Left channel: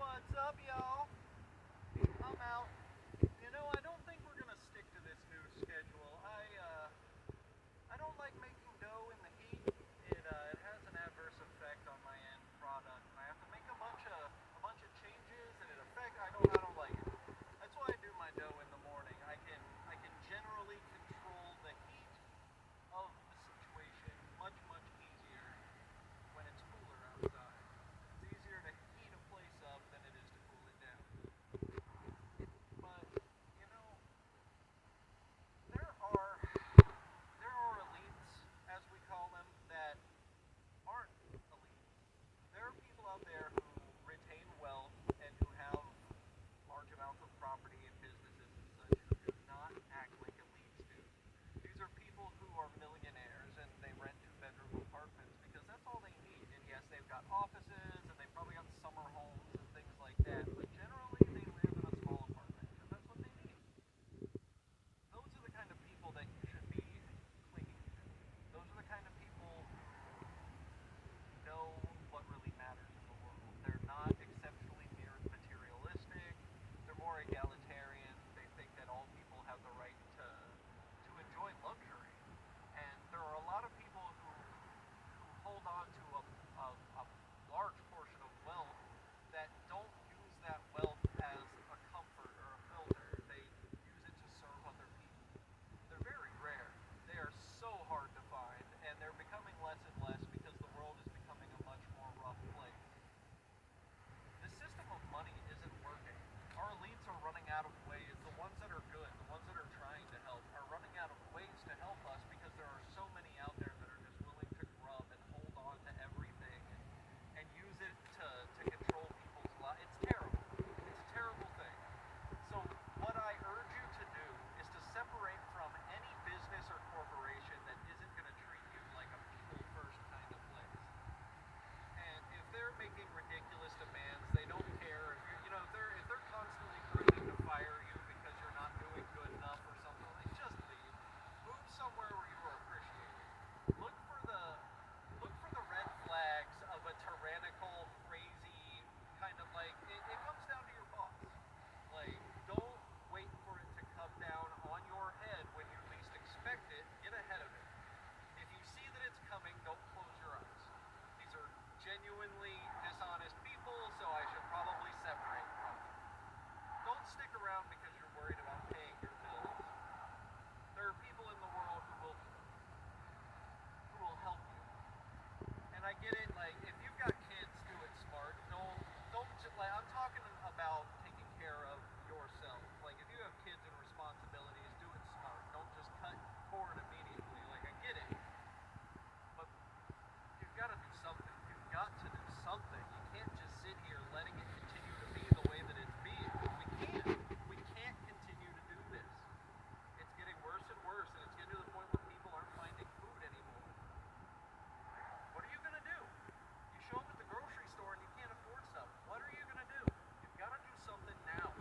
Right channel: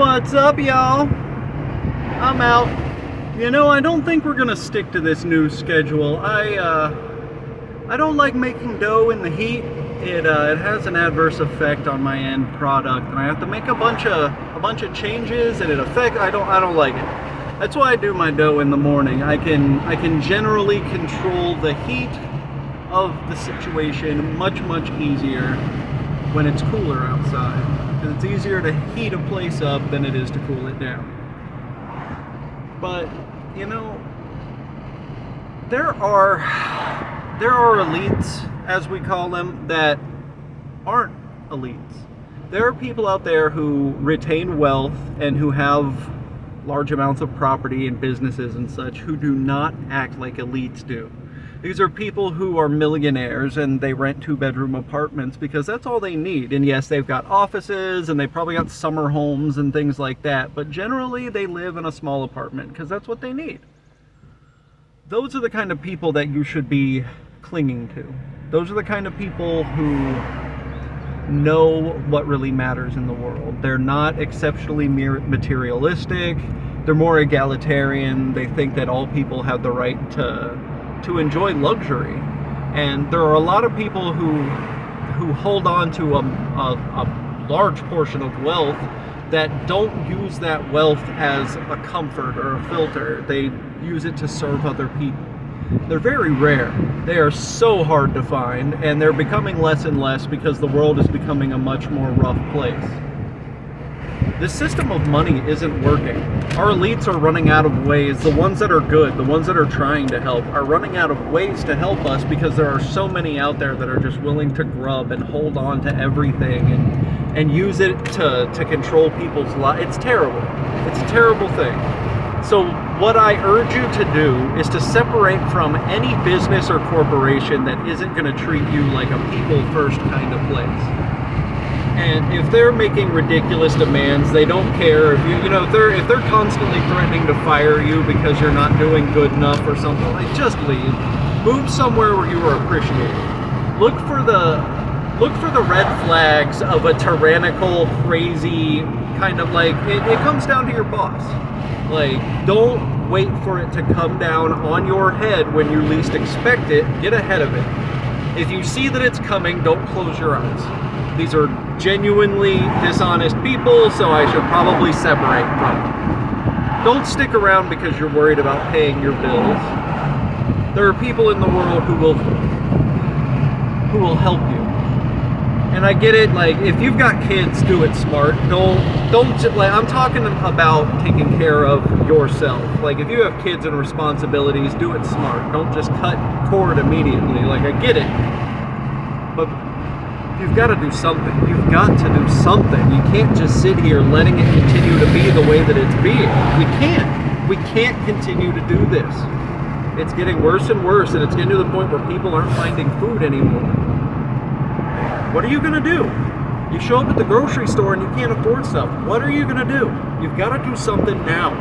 What's up, y'all? I'm out. You know, I don't think we're gonna stick to this new schedule. I don't like making dough in the heat. It has an adverse effect on my end product, and I have to make a bunch of changes, and I don't like it. That's why I do my dough in the morning. I can generally control the heat of the situation much easier when it's cooler outside. Because it's easier to heat a place up than it is to cool it down. But, you know, there are elites, as we call them, that aren't elites. There are people out there who retain wealth and who have large amounts of property and businesses and such who do not act like elites do. These are people who are millionaires and they rent 2-bedroom apartments because that's all they need. And yes, they've got offices and they probably got summer homes and things like that, but generally they live in a small apartment because that's what they need. Those are the kind of people that you should be clinging to. Those are the kind of people who know what really matters in the world. They're not exceptionally materialistic. They're more egalitarian. They think that all people have the right to enjoy luxury. And there are a lot of people who hold on to a large portion of wealth that don't use that wealth as a comfort or a filter. They use it to serve other people. They're very rare. They are so hard to find, and they're becoming less and less because the world is becoming a much more rough place. This system of money isn't working. Our elites are running out of ways. The ones that are good, the ones that are trying to help, are running out of ways to help us because there are so many out there that are just willing to grub and hold on to everything and use it to control people's lives. It's terrible. It's a terrible thing. So what I urge you to do is to separate from any business or corporation that isn't going to treat you like a people first kind of place. And if they're making ridiculous demands, they don't care if if they're constantly threatening to fire you because you're not doing good enough or something, like, just leave. Move somewhere where you are appreciated. Look for the red flags of a tyrannical, crazy kind of, like, it comes down to your boss. Like, don't wait for it to come down on your head when you least expect it. Get ahead of it. If you see that it's coming, don't close your eyes. These are genuinely dishonest people, so I should probably separate from them. Don't stick around because you're worried about paying your bills. There are people in the world who will help you. And I get it, like, if you've got kids, do it smart. Don't like, I'm talking about taking care of yourself. Like, if you have kids and responsibilities, do it smart. Don't just cut cord immediately. Like, I get it. But you've got to do something. You've got to do something. You can't just sit here letting it continue to be the way that it's being. We can't. We can't continue to do this. It's getting worse and worse, and it's getting to the point where people aren't finding food anymore. What are you going to do? You show up at the grocery store and you can't afford stuff. What are you going to do? You've got to do something now.